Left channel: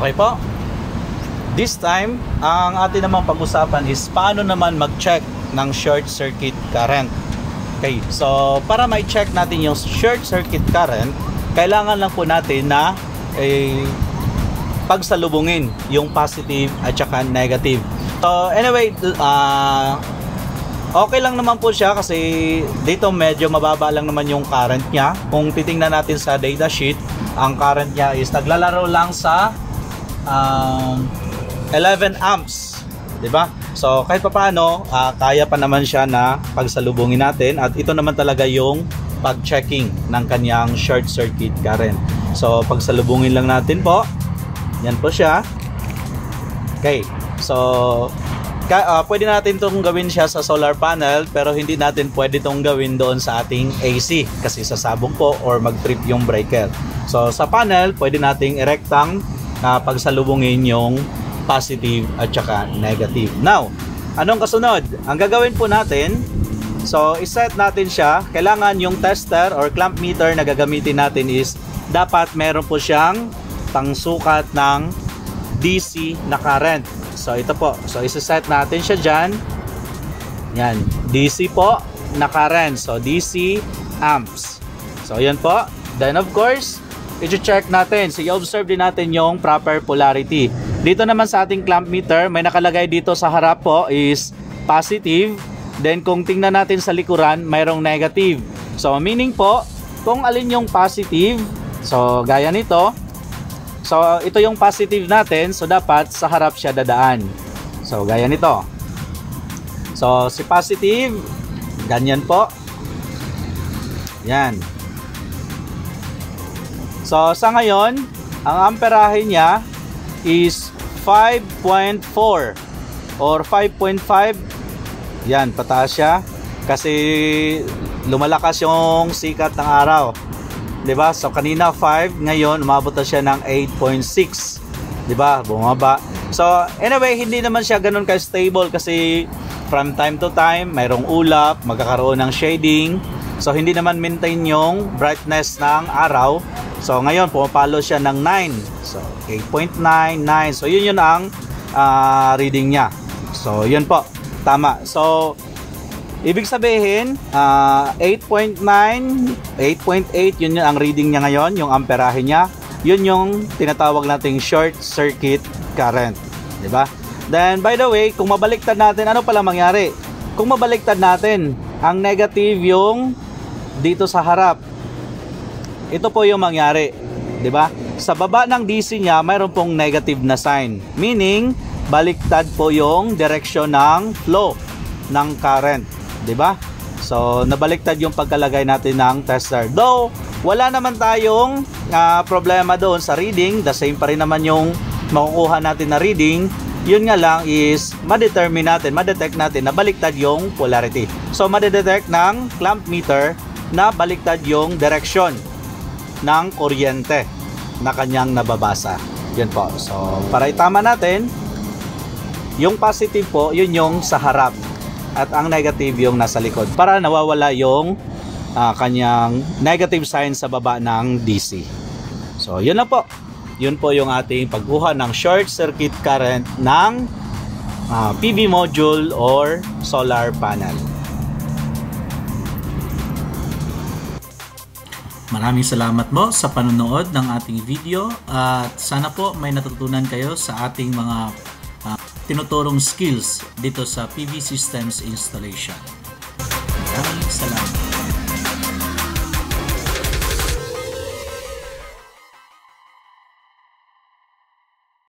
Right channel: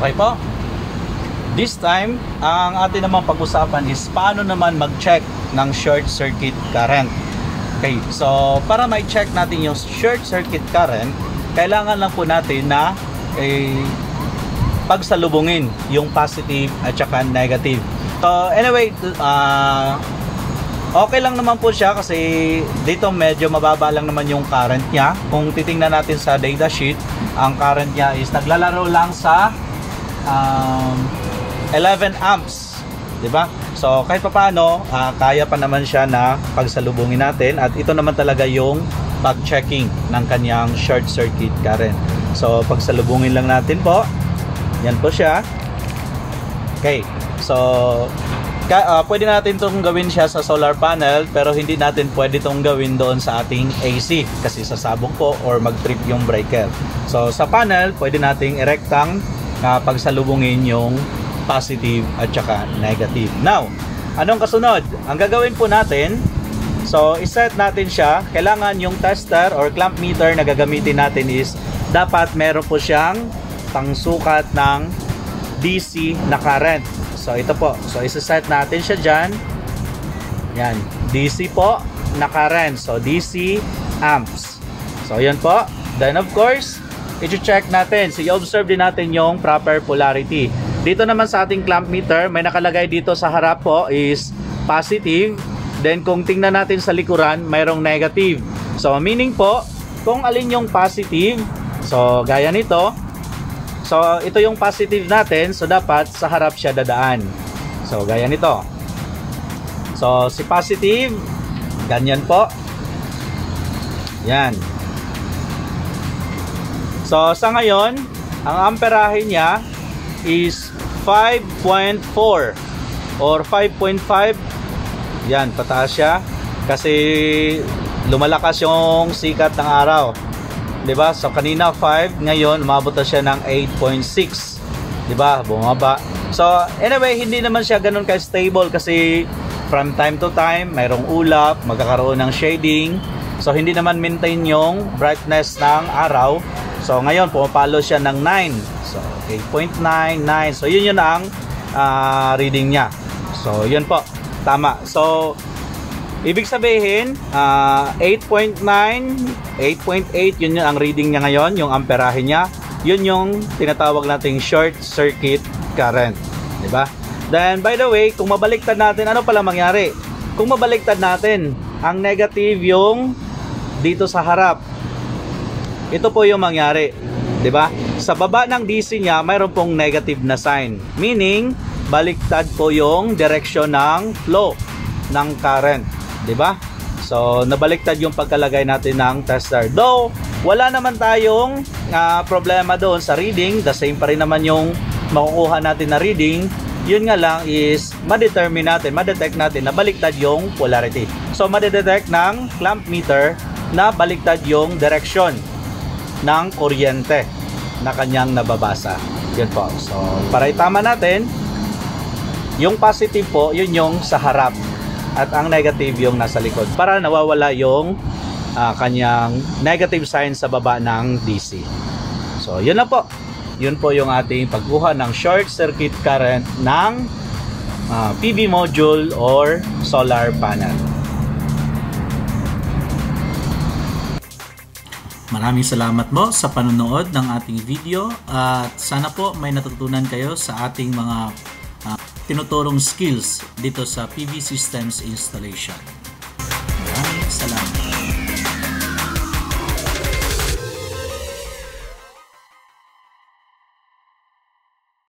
Okay po. This time, ang atin naman pag-usapan is paano naman mag-check ng short circuit current. Okay, so para ma-check natin yung short circuit current, kailangan lang po natin na pagsalubungin yung positive at saka negative. So anyway, okay lang naman po siya kasi dito medyo mababa lang naman yung current niya. Kung titingnan natin sa data sheet, ang current niya is naglalaro lang sa 11 amps, 'di ba? So kahit papaano, kaya pa naman siya na pagsalubungin natin at ito naman talaga yung pag-checking ng kanyang short circuit current. So pagsalubungin lang natin po. Yan po siya. Okay. So pwede natin itong gawin siya sa solar panel, pero hindi natin pwede itong gawin doon sa ating AC kasi sasabog po or mag-trip yung breaker. So sa panel, pwede nating erektang pagsalubungin yung positive at saka negative. Now, anong kasunod? Ang gagawin po natin, so iset natin siya. Kailangan yung tester or clamp meter na gagamitin natin is dapat meron po siyang pangsukat ng DC na current. So ito po. So isa-set natin siya dyan. Yan. DC po na current. So DC amps. So yan po. Then of course, i-check natin. So i-observe din natin yung proper polarity. Dito naman sa ating clamp meter, may nakalagay dito sa harap po is positive. Then kung tingnan natin sa likuran, mayroong negative. So meaning po, kung alin yung positive, so gaya nito, so ito yung positive natin, so dapat sa harap siya dadaan. So gaya nito. So si positive, ganyan po. Yan. So sa ngayon, ang amperahe niya is 5.4 or 5.5. Yan, pataas siya kasi lumalakas yung sikat ng araw, 'di ba? So kanina 5, ngayon umabot na siya ng 8.6, 'di ba? Bumaba. So anyway, hindi naman siya ganoon ka-stable kasi from time to time mayroong ulap, magkakaroon ng shading. So hindi naman maintain yung brightness ng araw. So ngayon pumapalo siya ng 9. So 8.99. So yun ang reading niya. So yun po, tama. So ibig sabihin 8.9, 8.8, yun ang reading niya ngayon, yung amperahe niya. Yun yung tinatawag nating short circuit current, di ba? Then by the way, kung mabaliktad natin, ano pala mangyari? Kung mabaliktad natin, ang negative yung dito sa harap. Ito po yung mangyari, di ba? Sa baba ng DC niya, mayroon pong negative na sign. Meaning, baliktad po yung direction ng flow ng current, di ba? So, nabaliktad yung pagkalagay natin ng tester. Though, wala naman tayong problema doon sa reading. The same pa rin naman yung makukuha natin na reading. Yun nga lang is, madetect natin na baliktad yung polarity. So, madedetect ng clamp meter na baliktad yung direction ng kuryente na kanyang nababasa. Yun po. So, para itama natin, yung positive po, yun yung sa harap. At ang negative yung nasa likod. Para nawawala yung kanyang negative sign sa baba ng DC. So, yun na po. Yun po yung ating pagkuha ng short circuit current ng PV module or solar panel. Maraming salamat mo sa panonood ng ating video at sana po may natutunan kayo sa ating mga tinuturong skills dito sa PV systems installation. Maraming salamat.